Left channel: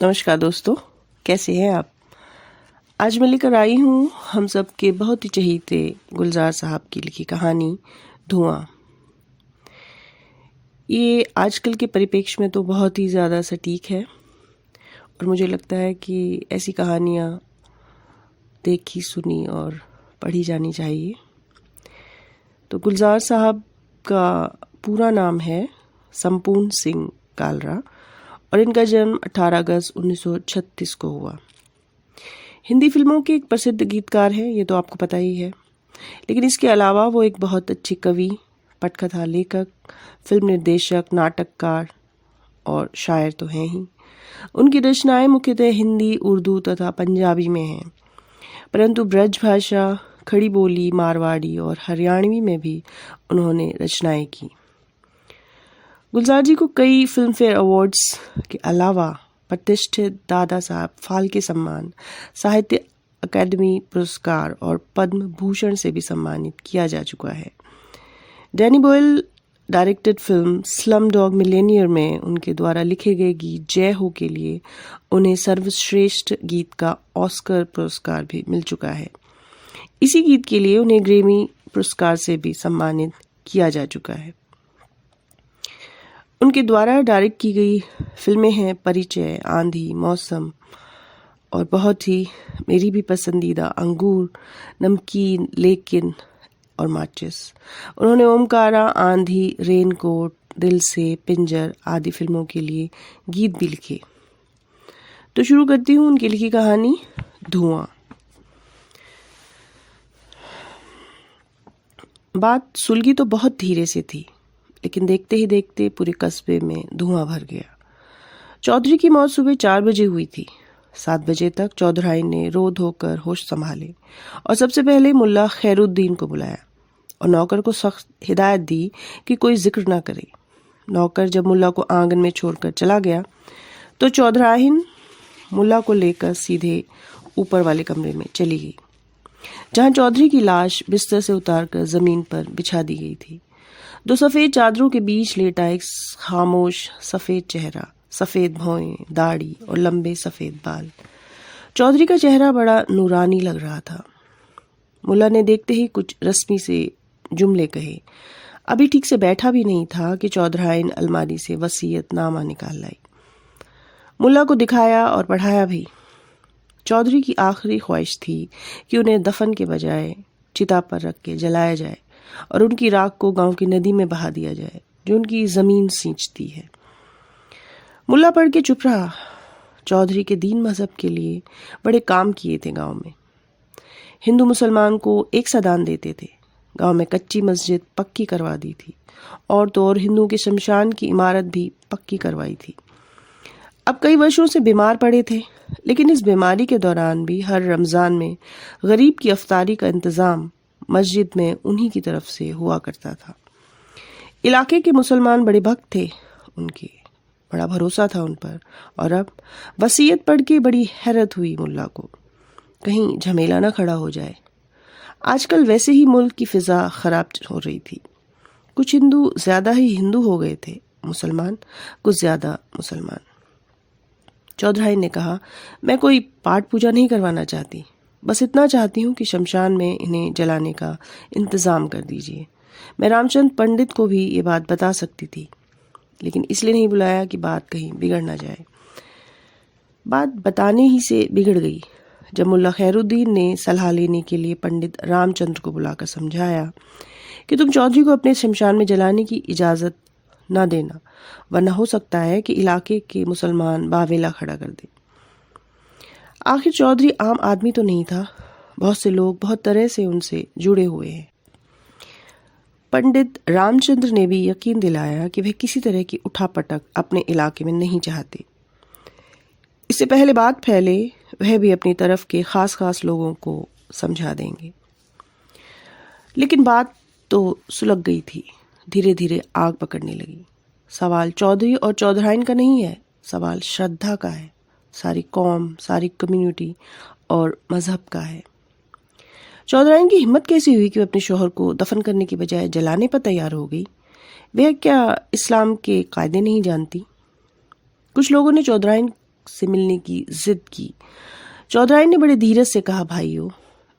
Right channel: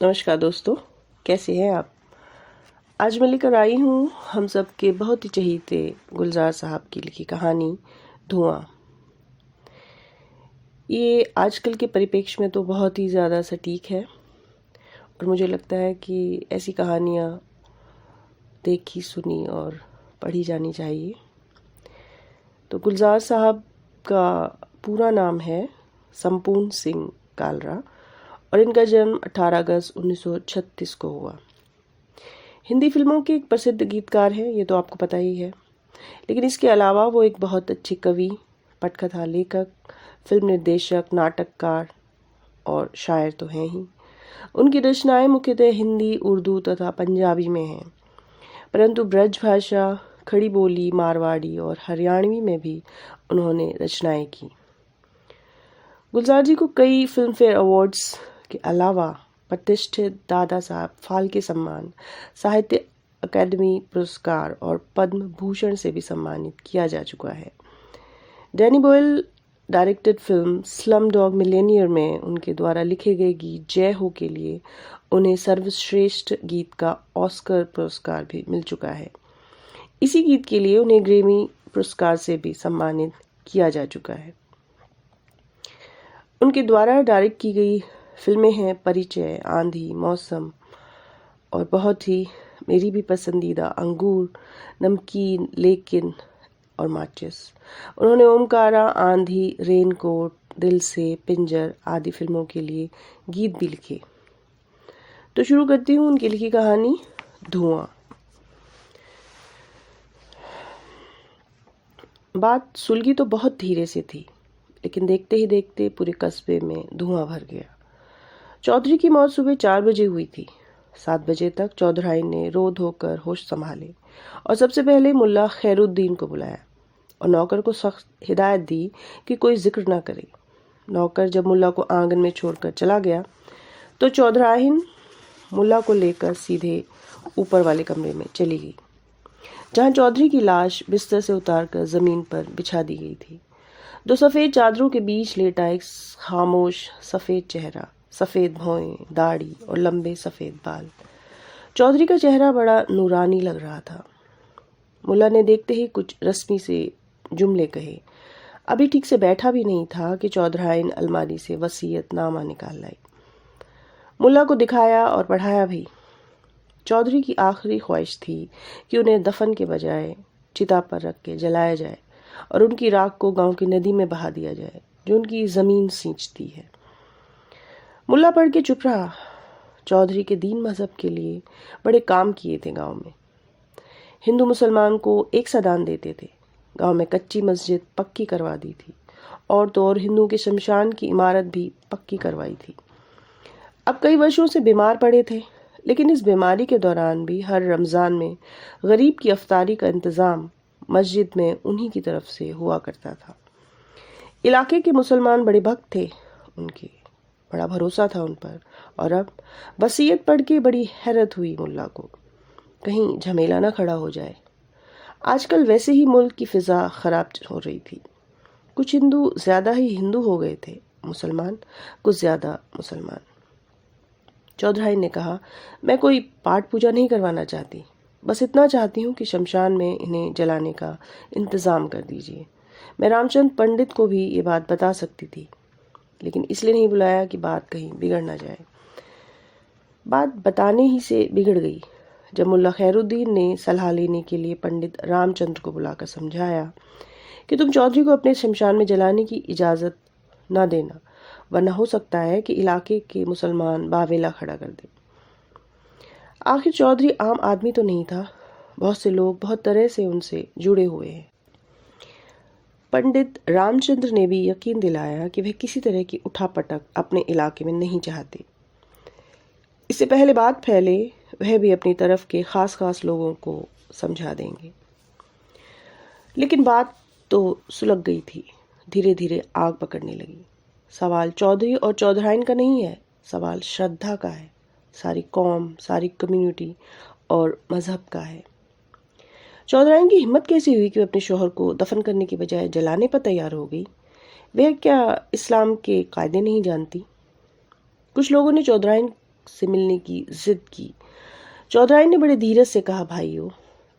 नमस्कार दोस्तों, कैसे हैं आप। आज मैं लेकर आई हूँ हम सब के बहुत ही चहीते गुलजार साहब की लिखी कहानी धुआं। ये आजकल के परिप्रेक्ष्य में तो बहुत ही ज़्यादा सटीक है और मुझे लगता है कि ऐसी कहानियाँ देखी, सुनी और पढ़ी जानी चाहिए। तो गुलजार साहब का पूरा नाम है संपूर्ण सिंह कालरा और इनका जन्म 18 अगस्त 1936 को हुआ। हिंदी फिल्मों के एक प्रसिद्ध गीतकार हैं, ये तो आपको पता ही है। लेकिन इसके अलावा वो एक बहुत अच्छे कवि, पटकथा लेखक, फिल्म निर्देशक, नाटककार और शायर तो हैं ही। उनकी रचनाएं मुख्यतः हिंदी, उर्दू तथा पंजाबी में हैं, परंतु ब्रज भाषा, खड़ी बोली, मारवाड़ी और हरियाणवी में भी उन्होंने रचनाएं की। गुलजार जी को कई फिल्म फेयर अवार्ड्स के अलावा प्रतिष्ठित दादा साहब फाल्के सम्मान, साहित्य अकादमी पुरस्कार और पद्म भूषण से भी सम्मानित किया जा चुका है। Danny Boyle directed film slum dog Millionaire में उनके द्वारा लिखे गए गीत जय हो के लिए उन्हें सर्वश्रेष्ठ गीत का ऑस्कर पुरस्कार भी मिल चुका है। इसी गीत के लिए उन्हें ग्रैमी पुरस्कार से भी सम्मानित किया जा चुका है। उनके द्वारा डायरेक्ट की गई फिल्में हैं परिचय, आंधी, मौसम और बहुत ही मेरी भी पसंदीदा अंगूर, नमकीन, लेकिन और माचिस। उन्होंने ओमकारा, आंधी, रेनकोट, दिल से, पिंजर आदि फिल्मों के लिए गीत भी लिखे। तो शुरू करती हूँ उनकी लिखी कहानी धुआं। बात सुलगी तो बहुत धीरे से थी, लेकिन देखते ही देखते पूरे कस्बे में धुआं भर गया। चौधरी की मौत सुबह 4 बजे हुई थी। 7 बजे तक चौधराई ने रो धोकर होश संभाले और सबसे पहले मुल्ला खैरुद्दीन को बुलाया और नौकर को सख्त हिदायत दी कि कोई जिक्र ना करे। नौकर जब मुल्ला को आंगन में छोड़कर चला गया तो चौधराइन मुल्ला को लेकर सीधे ऊपर वाले कमरे में चली गई, जहां चौधरी की लाश बिस्तर से उतारकर जमीन पर बिछा दी गई थी। 2 सफ़ेद चादरों के बीच लेटा एक खामोश सफ़ेद चेहरा, सफ़ेद भौएं, दाढ़ी और लंबे सफ़ेद बाल। चौधरी का चेहरा बड़ा नूरानी लग रहा था। मुल्ला ने देखते ही कुछ रस्मी से जुमले कहे। अभी ठीक से बैठा भी नहीं था कि चौधराइन अलमारी से वसीयतनामा निकाल लाई। मुल्ला को दिखाया और पढ़ाया भी। चौधरी की आखिरी ख्वाहिश थी कि उन्हें दफन के बजाय चिता पर रख के जलाया जाए और उनकी राख को गांव की नदी में बहा दिया जाए, जो उनकी जमीन सींचती है। मुल्ला पढ़ के चुप रहा। चौधरी के दीन मजहब के लिए बड़े काम किए थे गांव में। हिंदू मुसलमान को एक सा दान देते थे। गांव में कच्ची मस्जिद पक्की करवा दी थी और तो और हिंदुओं के शमशान की इमारत भी पक्की करवाई थी। अब कई वर्षों से बीमार पड़े थे, लेकिन इस बीमारी के दौरान भी हर रमज़ान में गरीब की अफ्तारी का इंतज़ाम मस्जिद में उन्हीं की तरफ से हुआ करता था। इलाके के मुसलमान बड़े भक्त थे, उनके बड़ा भरोसा था उन पर। और अब वसीयत पढ़ के बड़ी हैरत हुई मुल्ला को, कहीं झमेला ना खड़ा हो जाए। आजकल वैसे ही मुल्क की फिजा खराब हो रही थी। कुछ हिंदू ज्यादा ही हिंदू हो गए थे, मुसलमान कुछ ज्यादा मुसलमान। चौधराई ने कहा, मैं कोई पाठ पूजा नहीं करवाना चाहती, बस इतना चाहती हूँ कि शमशान में इन्हें जलाने का इंतज़ाम कर दीजिए। मैं रामचंद्र पंडित को भी ये बात बता सकती थी, लेकिन इसलिए नहीं बुलाया कि बात कहीं बिगड़ ना जाए। बात बताने ही से बिगड़ गई जब मुल्ला खैरुद्दीन ने सलाह लेने के लिए पंडित रामचंद्र को बुलाकर समझाया कि तुम चौधरी को अपने शमशान में जलाने की इजाज़त ना देना, वरना हो सकता है कि इलाके के मुसलमान बावेला खड़ा कर दे। आखिर चौधरी आम आदमी तो नहीं था, बहुत से लोग बहुत तरह से उनसे जुड़े हुए हैं। पंडित रामचंद्र ने भी यकीन दिलाया कि वह किसी तरह की उठापटक अपने इलाके में नहीं चाहते। इससे पहले बात फैले, वह भी अपनी तरफ के खास खास लोगों को समझा देंगे। लेकिन बात तो सुलग गई थी, धीरे धीरे आग पकड़ने लगी। सवाल चौधरी और चौधराइन का नहीं है, सवाल श्रद्धा का है, सारी कौम, सारी कम्युनिटी और मजहब का है। चौधराइन की हिम्मत कैसी हुई कि वह अपने शौहर को दफन करने की बजाय जलाने पर तैयार हो गई? वह क्या इस्लाम के कायदे नहीं जानती? कुछ लोगों ने चौधराइन से मिलने की जिद की। चौधराइन ने बड़े धीरज से कहा, भाइयों,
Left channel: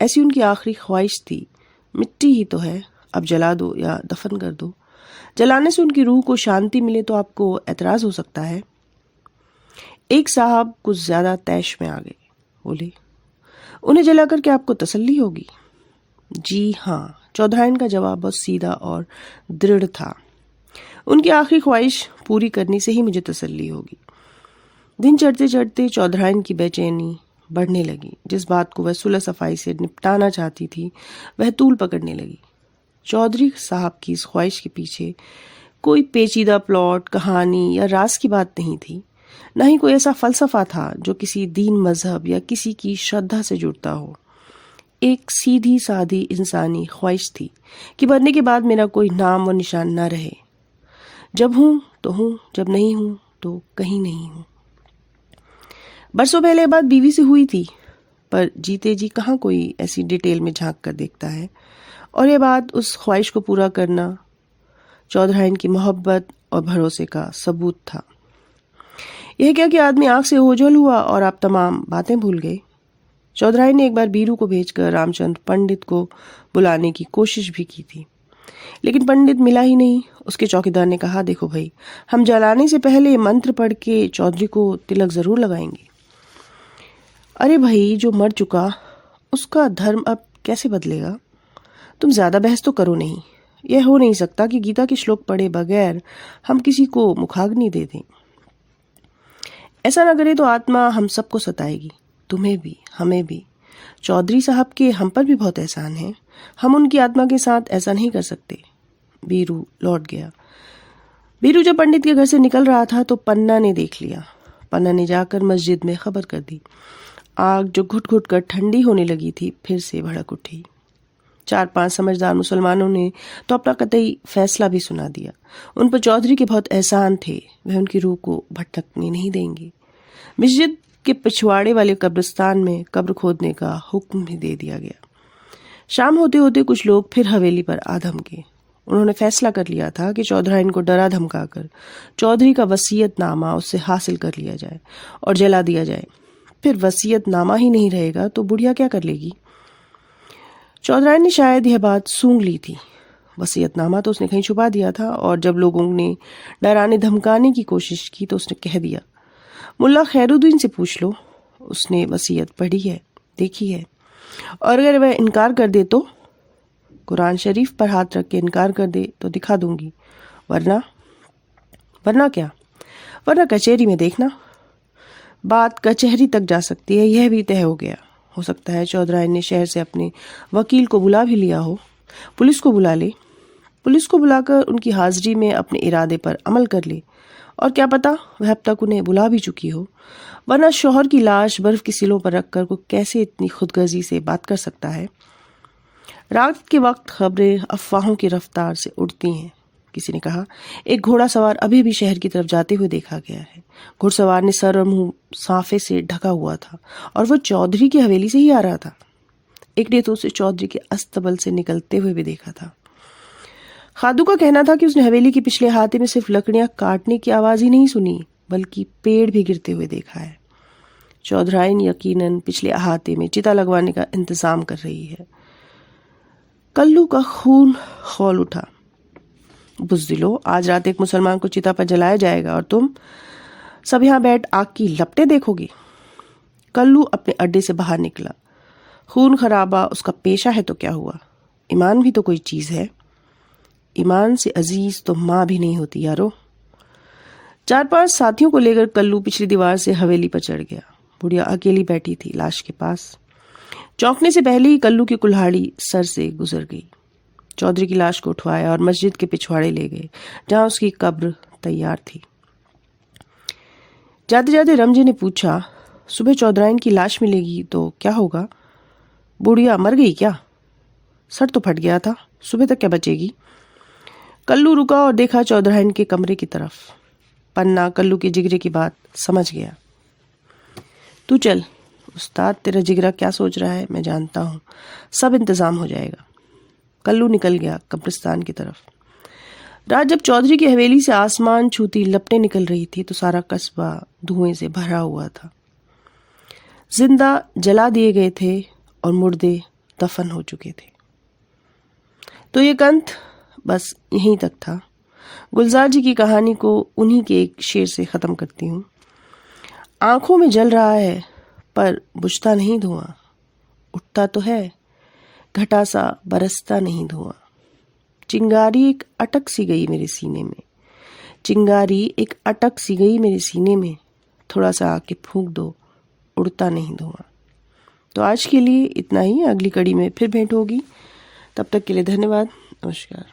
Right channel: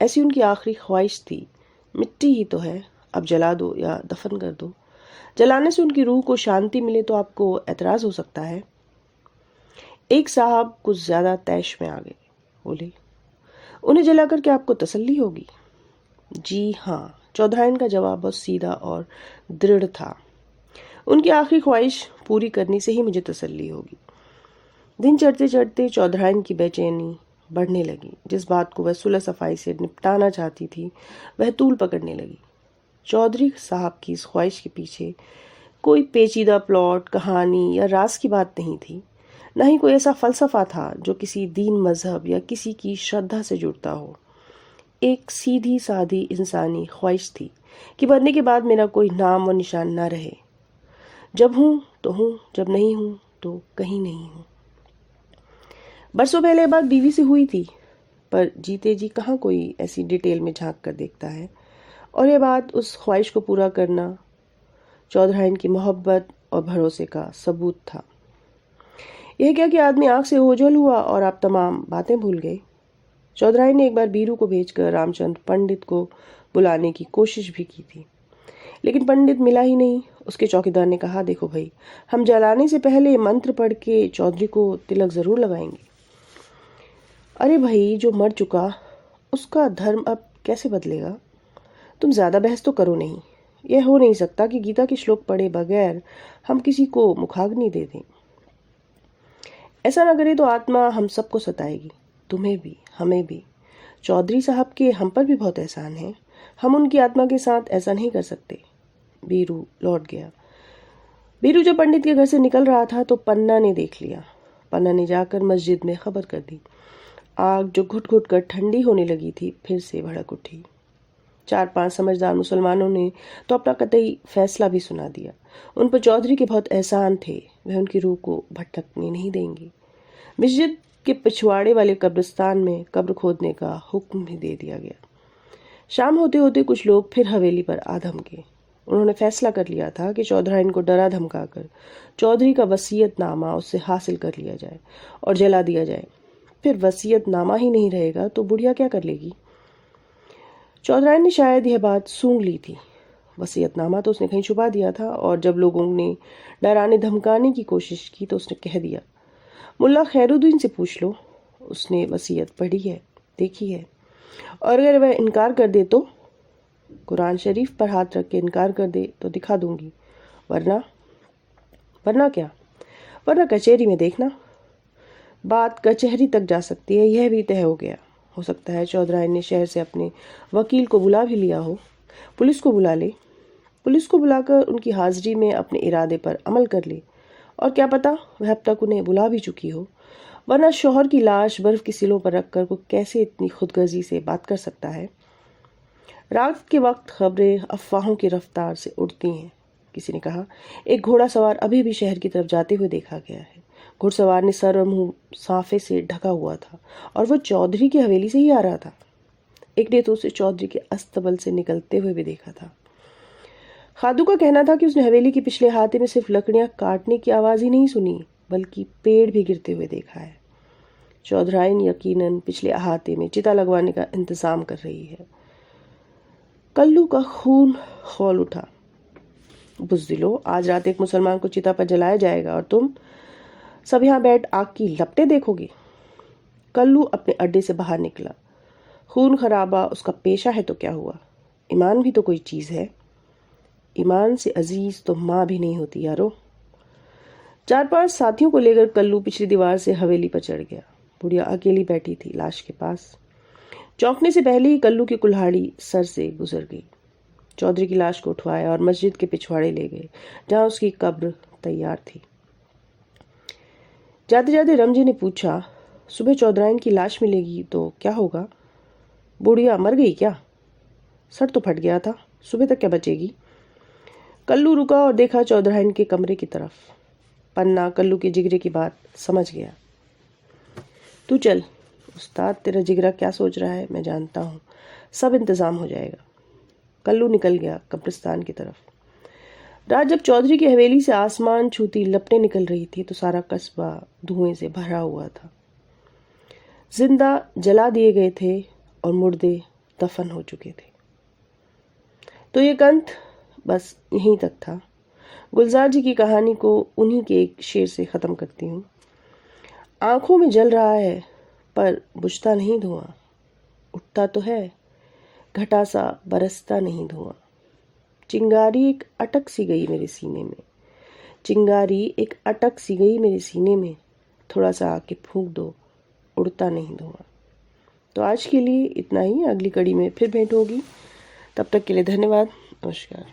ऐसी उनकी आखिरी ख्वाहिश थी, मिट्टी ही तो है, अब जला दो या दफन कर दो। जलाने से उनकी रूह को शांति मिले तो आपको एतराज हो सकता है। एक साहब कुछ ज्यादा तैश में आ गए, बोले, उन्हें जलाकर क्या आपको तसल्ली होगी? जी हाँ, चौधराइन का जवाब बहुत सीधा और दृढ़ था। उनकी आखिरी ख्वाहिश पूरी करने से ही मुझे तसल्ली होगी। दिन चढ़ते चढ़ते चौधराइन की बेचैनी बढ़ने लगी। जिस बात को वह सुलह सफाई से निपटाना चाहती थी वह तूल पकड़ने लगी। चौधरी साहब की इस ख्वाहिश के पीछे कोई पेचीदा प्लॉट, कहानी या राज की बात नहीं थी। न ही कोई ऐसा फलसफा था जो किसी दीन, मजहब या किसी की श्रद्धा से जुड़ता हो। एक सीधी सादी इंसानी ख्वाहिश थी कि मरने के बाद मेरा कोई नाम व निशान न रहे। जब हूं तो हूं, जब नहीं हूं तो कहीं नहीं हूं। बरसों पहले बात बीवी से हुई थी, पर जीते जी कहाँ कोई ऐसी डिटेल में झांक कर देखता है। और यह बात, उस ख्वाहिश को पूरा करना, चौधराइन की मोहब्बत और भरोसे का सबूत था। यह क्या कि आदमी आंख से ओझल हुआ और आप तमाम बातें भूल गए। चौधराइन ने एक बार बीरू को भेजकर रामचंद्र पंडित को बुलाने की कोशिश भी की थी, लेकिन पंडित मिला ही नहीं। उसके चौकीदार ने कहा, देखो भाई, हम जलाने से पहले मंत्र पढ़ के चौधरी को तिलक जरूर लगाएंगे। अरे भाई, जो मर चुका उसका धर्म अब कैसे बदलेगा? तुम ज्यादा बहस तो करो नहीं। यह हो नहीं सकता कि गीता के श्लोक पढ़े बगैर हम किसी को मुखाग्नि दे दें। ऐसा ना करे तो आत्मा हम सबको सताएगी, तुम्हें भी, हमें भी। चौधरी साहब के हम पर भी बहुत एहसान है, हम उनकी आत्मा के साथ ऐसा नहीं कर सकते। बीरू लौट गया। बीरू जब पंडित के घर से निकल रहा था तो पन्ना ने देख लिया। पन्ना ने जाकर मस्जिद में खबर कर दी। आग जो घुट घुट कर ठंडी होने लगी थी फिर से भड़क उठी। 4-5 समझदार मुसलमानों ने तो अपना कतई फैसला भी सुना दिया। उन पर चौधरी के बहुत एहसान थे, वह उनकी रूह को भटकने नहीं देंगे। मस्जिद के पिछवाड़े वाले कब्रिस्तान में कब्र खोदने का हुक्म भी दे दिया गया। शाम होते होते कुछ लोग फिर हवेली पर आ धमके। उन्होंने फैसला कर लिया था कि चौधराइन को डरा धमकाकर चौधरी का वसीयतनामा उससे हासिल कर लिया जाए और जला दिया जाए। फिर वसीयतनामा ही नहीं रहेगा तो बुढ़िया क्या कर लेगी? चौधराइन ने शायद यह बात सूंघ ली थी। वसीयतनामा तो उसने कहीं छुपा दिया था, और जब लोगों ने डराने धमकाने की कोशिश की तो उसने कह दिया, मुल्ला खैरुद्दीन से पूछ लो, उसने वसीयत पढ़ी है, देखी है, और अगर वह इनकार कर दे तो कुरान शरीफ पर हाथ रख के इनकार कर दे तो दिखा दूंगी, वरना क्या? वरना कचहरी में देखना। बात कचहरी तक जा सकती है, यह भी तय हो गया। हो सकता है चौधराइन ने शहर से अपने वकील को बुला भी लिया हो। पुलिस को बुला ले, पुलिस को बुलाकर उनकी हाजिरी में अपने इरादे पर अमल कर ले, और क्या पता वह अब तक उन्हें बुला भी चुकी हो। वरना शौहर की लाश बर्फ की सिलों पर रखकर को कैसे इतनी खुदगर्जी से बात कर सकता है? रात के वक्त खबरें अफवाहों की रफ्तार से उड़ती हैं। किसी ने कहा, एक घोड़ा सवार अभी भी शहर की तरफ जाते हुए देखा गया है। घुड़सवार ने सर और मुंह साफे से ढका हुआ था और वो चौधरी की हवेली से ही आ रहा था। एक ने तो उसे चौधरी के अस्तबल से निकलते हुए भी देखा था। खादू का कहना था कि उसने हवेली के पिछले अहाते में सिर्फ लकड़ियां काटने की आवाज ही नहीं सुनी, बल्कि पेड़ भी गिरते हुए देखा है। चौधराइन यकीनन पिछले अहाते में चिता लगवाने का इंतजाम कर रही है। कल्लू का खून खौल उठा। बुज़दिलो, आज रात एक मुसलमान को चिता पर जलाया जाएगा और तुम सब यहाँ बैठ आग की लपटें देखोगे। कल्लू अपने अड्डे से बाहर निकला। खून खराबा उसका पेशा है तो क्या हुआ, ईमान भी तो कोई चीज है। ईमान से अजीज तो माँ भी नहीं होती यारो। 4-5 साथियों को लेकर कल्लू पिछली दीवार से हवेली पर चढ़ गया। बुढ़िया अकेली बैठी थी लाश के पास। चौंकने से पहले ही कल्लू की कुल्हाड़ी सर से गुजर गई। चौधरी की लाश को उठवाया और मस्जिद के पिछवाड़े ले गए, जहां उसकी कब्र तैयार थी। जाते जाते रमजी ने पूछा, सुबह चौधराइन की लाश मिलेगी तो क्या होगा? बुढ़िया मर गई क्या? सर तो फट गया था, सुबह तक क्या बचेगी? कल्लू रुका और देखा चौधराइन के कमरे की तरफ। पन्ना कल्लू के जिगरे की बात समझ गया। तू चल उस्ताद, तेरा जिगरा क्या सोच रहा है मैं जानता हूँ, सब इंतजाम हो जाएगा। कल्लू निकल गया कब्रिस्तान की तरफ। रात जब चौधरी की हवेली से आसमान छूती लपटें निकल रही थी तो सारा कस्बा धुएं से भरा हुआ था। जिंदा जला दिए गए थे और मुर्दे दफन हो चुके थे। तो ये कंठ बस यहीं तक था। गुलजार जी की कहानी को उन्हीं के एक शेर से ख़त्म करती हूँ। आंखों में जल रहा है पर बुझता नहीं धुआं, उठता तो है घटा सा बरसता नहीं धुआं। चिंगारी एक अटक सी गई मेरे सीने में, चिंगारी एक अटक सी गई मेरे सीने में, थोड़ा सा आके फूंक दो उड़ता नहीं धुआं। तो आज के लिए इतना ही। अगली कड़ी में फिर भेंट होगी। तब तक के लिए धन्यवाद। नमस्कार।